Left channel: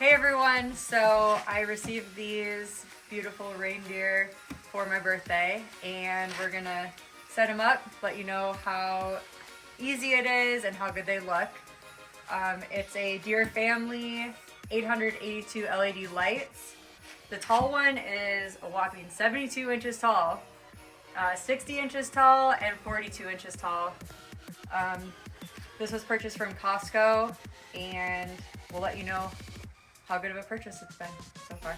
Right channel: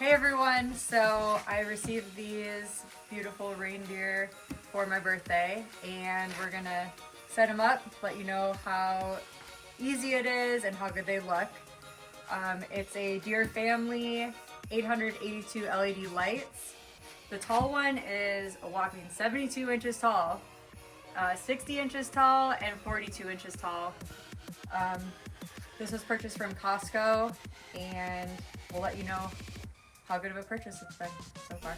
Hey everyone, so I received these beautiful reindeer for my birthday and we're gonna set them up, let you know how easy it is and how good they look. It's a Deer Family 882 LED lights. The tall one is a whopping 72 inches tall, 60 inches tall, and 42 inches tall. This was purchased from Costco and we'll let you know how good of a purchase it's been so far.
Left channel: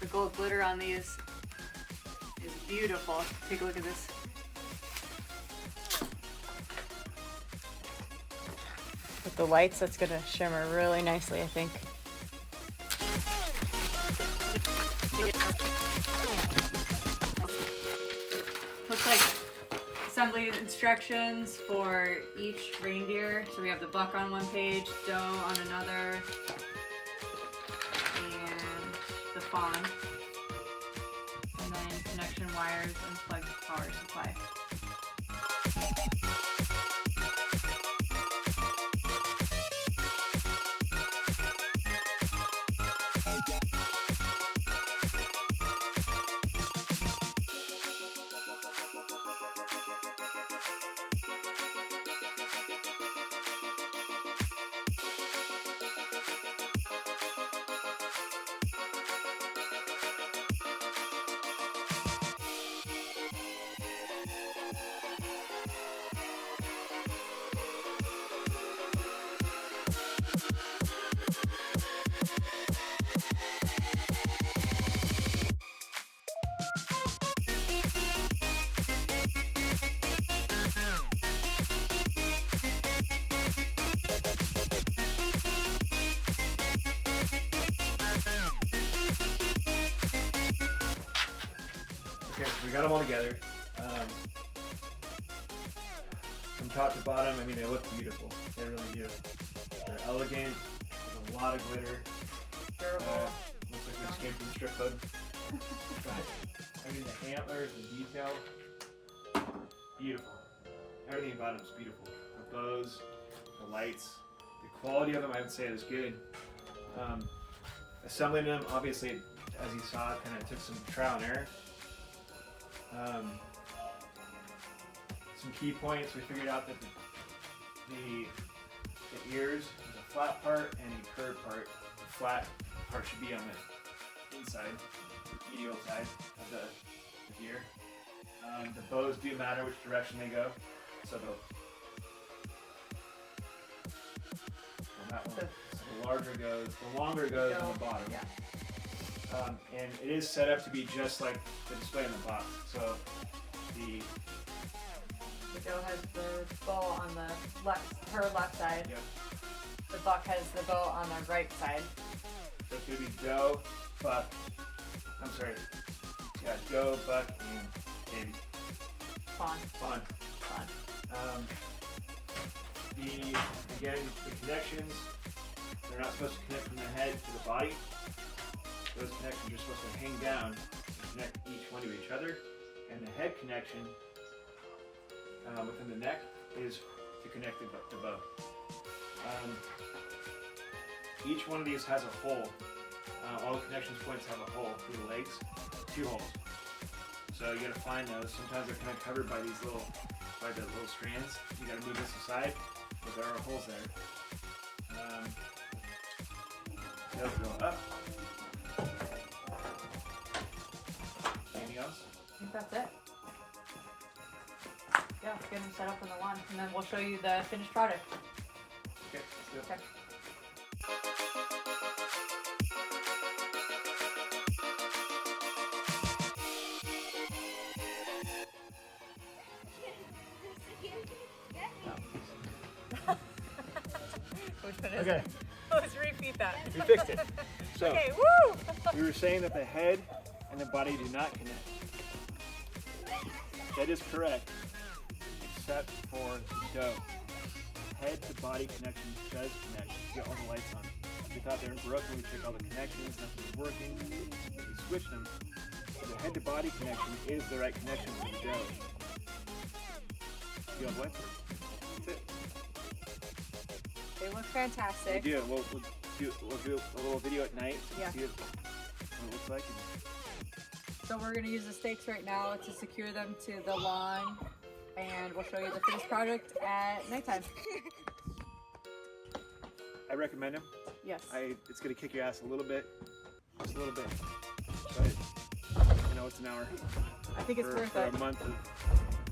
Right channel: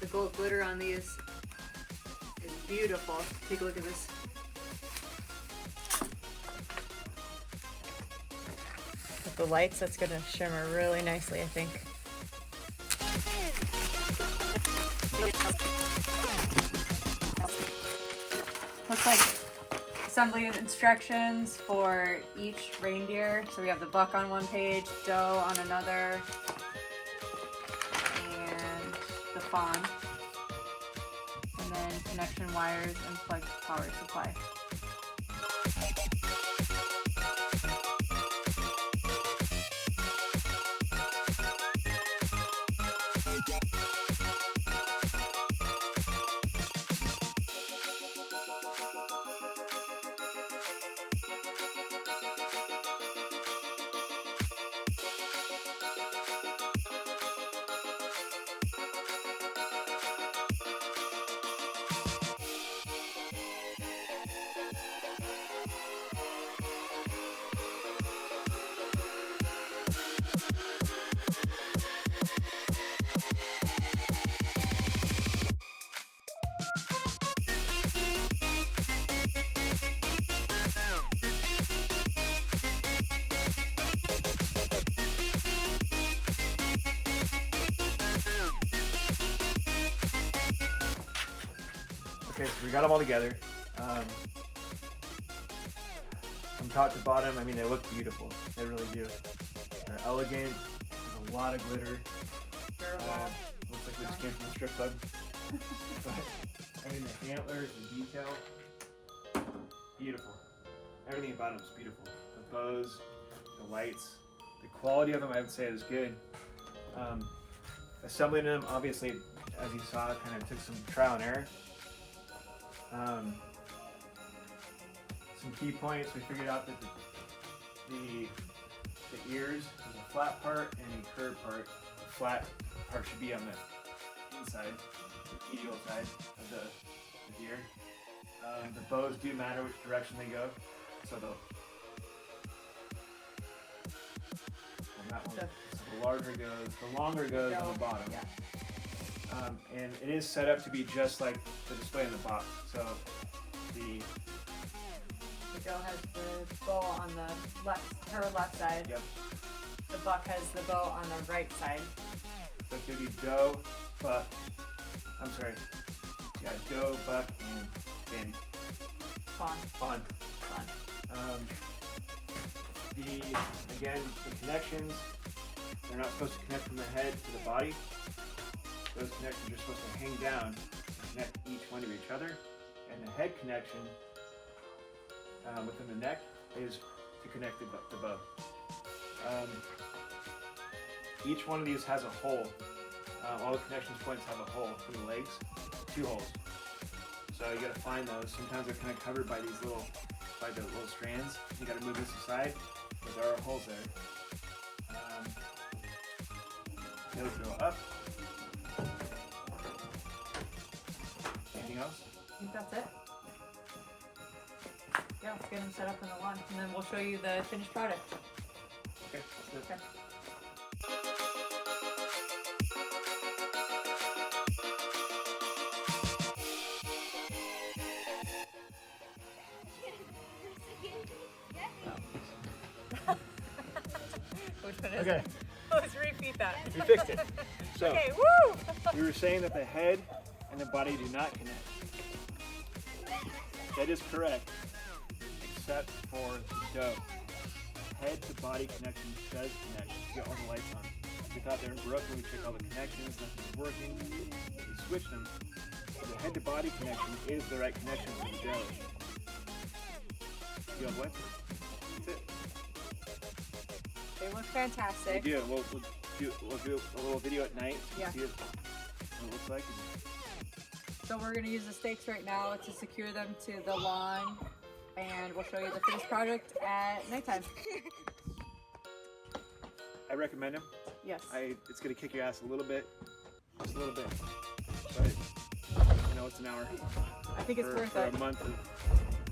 The gold glitter on these is beautiful. Take a look at this. With the lights, that's gonna shimmer really nicely, I think. Looks like assembly instructions for each reindeer. So we have the buck on one page, doe on another, and the fawn. And then connection wires and plugged power supply. Okay, so we got them all together. From top to bottom, I mean, they look beautiful. They really do. They're elegant. There's a lot of glitter. Durable. Looks like we just came from the strip club. But, I mean, the antlers, the detail, beautiful. Everything about them is beautiful. The bows, the lights, the quality of them, I would say, is good. Assembling them, obviously, as you saw, it kind of took some trial and error. Some key points, we figured out that the ears, there's a flat part and a curved part. The flat part should be on the inside, medial side of the deer. The bows do matter which direction they go, so the longer goes on the bottom. Yeah. And it is set up to be just like the display on the box. So the doe has the bow on the left, her left side. Yep. The buck has the bow on the right side. So it's gonna be doe, buck. Doe, buck, and Fawn. fawn. The connections, they're not supposed to connect from the head to the body. Those connections are supposed to hang down and connect each one to each other. And the head connection within the neck is to connect the bow. Each one of these has a hole. All the connections points have a hole for the legs, 2 holes. So you gotta find those. Sometimes they're kind of covered by the little strands. You gotta move this aside, but there are holes there. Those go up. Anything else? I think that's it. Yeah, let's get them set up on the lawn, and then we'll show you the finished product. Okay, let's do it. Okay. Which one is Okay. it? Let's repeat that. We fixed it. So Okay, woo! we were saying that the head and the body do not connect. That is correct, except for the doe. Head to body connection does connect. You get all the lights on. We thought they were broken. We checked all the connections. Nothing was working. We switched them. head to body connection is the right connection for the jelly. You have what? That's it. They look We fantastic. do. We'll do a little video at night so you Yeah. can see what it looks like. So we're gonna use the stakes right now to secure them to the lawn, and we'll show you the finished product at nighttime. I recommend them. Yes. It's gonna kick your ass a little bit, just a little bit, but you know it's an hour I think it's worth for it. a month of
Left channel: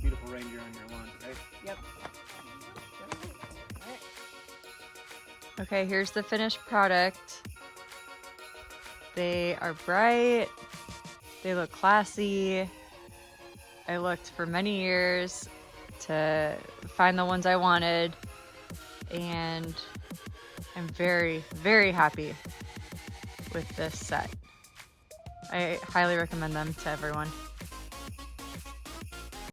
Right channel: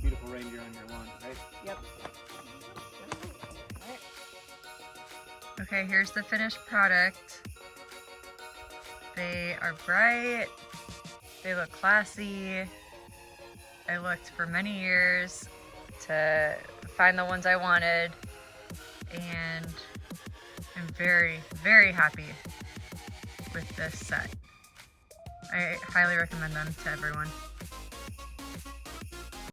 beautiful reindeer on your lawn, right? Yep. Alright. Okay, here's the finished product. They are bright. They look classy. I looked for many years to find the ones I wanted, and I'm very, very happy with this set. I highly recommend them to everyone.